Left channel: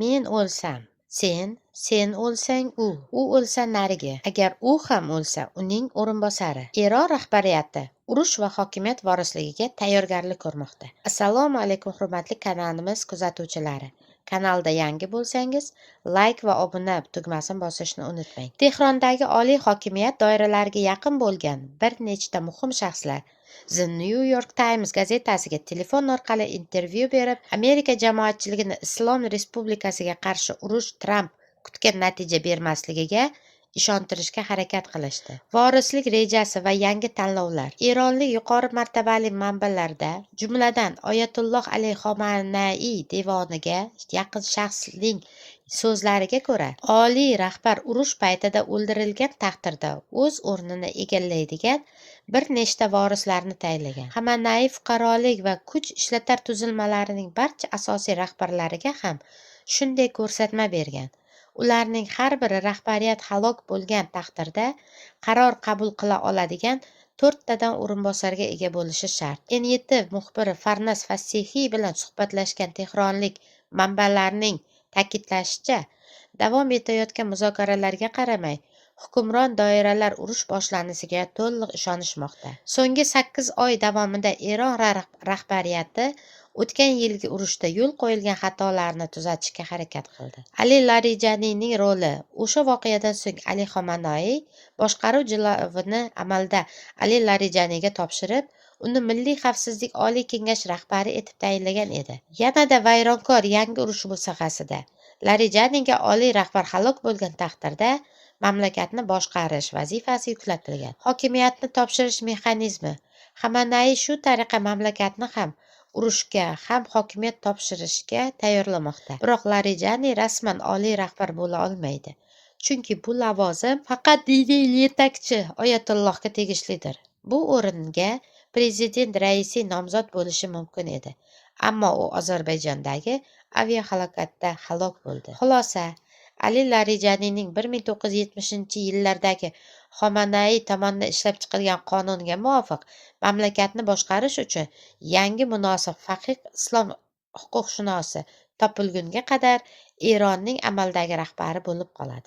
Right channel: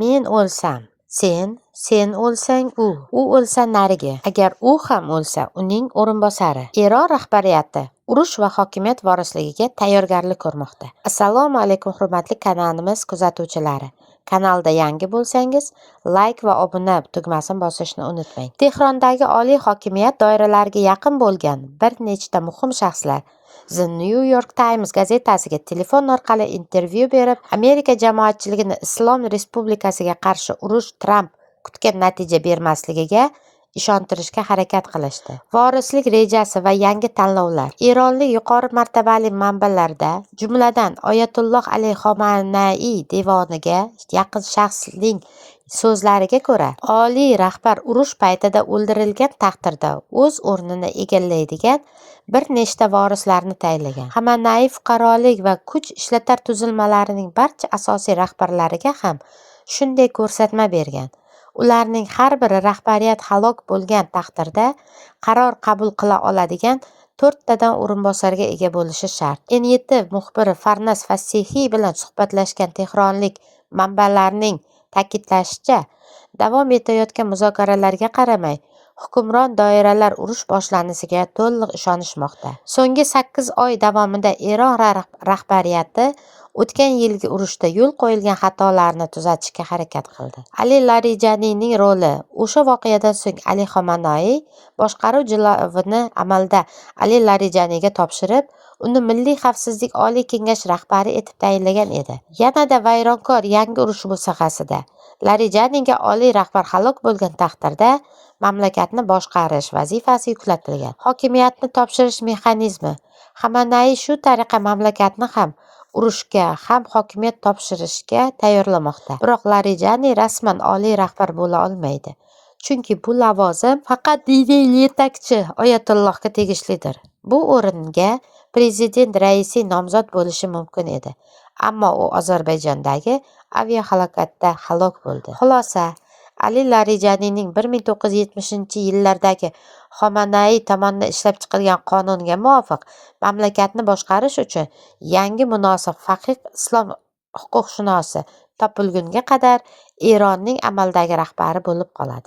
Men o'lsam, sen o'lsang u o'lsa narigi, agar u ham o'lsa uning o'rinbosari. Eron rahbariyati urush va hokimiyat vorisligiga tayyorgarlik ko'rmoqda. Assalomu alaykum hurmatli kanalimiz kuzatuvchilari. Kanalda yangi bo'lsangiz, like va obuna tugmasini bosishni unutmang. Tehrondagi oliy hokimiyat doiralariga yaqin bo'lgan bir nechta muhim shaxslar The New York Times gazetasiga telefon orqali intervyu berib, Amerika jamoatchiligini Islom Respublikasiga qarshi urush Tramp kutgan natija bermasligiga ishontirishga harakat qilishdi. Vorislik rejasi va yangi tanlovlar. Eronlik yuqori martabali manbalarda, jumladan Oyatulloh Ali Xomanaiy devoniga yaqin shaxsning so'zlariga ko'ra, oliy rahbar urush paytida o'ldirilgan taqdirda o'z o'rnini egallaydigan bir nechta vorislarni tayinlagan. Xomanaiy fuqarolik va kuch ishlatar tuzilmalarining barcha asosiy rahbarlariga ham shunday ko'rsatma bergan. Ularning har biri rahbariyat halok bo'lgan taqdirda qaror qabul qila oladigan 4 tadan o'rinbosarga ega bo'lishi shart. NYT muxbiri Farnas Fasihiy bilan suhbatlashgan tehronlik manbalarning ta'kidlashicha, davom etayotgan muzokaralarga qaramay, hukmron doiralar urush boshlanishiga to'liq ishonishmoqda. So'nggi 8 oy davomida Eron rahbariyati o'tgan yilgi urushda yo'l qo'yilgan xatolarni tuzatishga harakat qildi. Ali Larijaniyning roli. O'sha voqeadan so'ng Ali Xomanaiy boshqaruv jilovini amalda Ali Larijaniyga topshirib, uni Milliy xavfsizlik oliy kengashi rahbari etib tayinlagan edi. Yanada vayronkor yangi urush musiqasida Larijaniyga oliy rahbar halok bo'lgan taqdirda mamlakatni boshqarish vazifasi yuklatilgan. Hokimiyatni topshirish mexanizmi. Xomanaiy shu tariqa mamlakatni ham urushga, ham hokimiyat topshirishga tayyorlamoqda. Biroq Larijaniy rasman oliy rahbar bo'la olmaydi. Chunki bu lavozim faqat diniy yetakchi Oyatullohga tegishlidir. Bu o'ringa prezident raisi nomzod bo'lishi mumkin edi. Ammo u Ozarbayjondagi aviahalokatda halok bo'ldi. Xulosa: Ali Larijaniyning 1970-yillardagi Xomanaiy tomonidan ishlab chiqilgan qonunga muvofiq mamlakatni boshqarish uchun yangi munosib faqih islom huquqshunosi topilgunga qadar Eronning amaldagi rahbari bo'lib qoladi.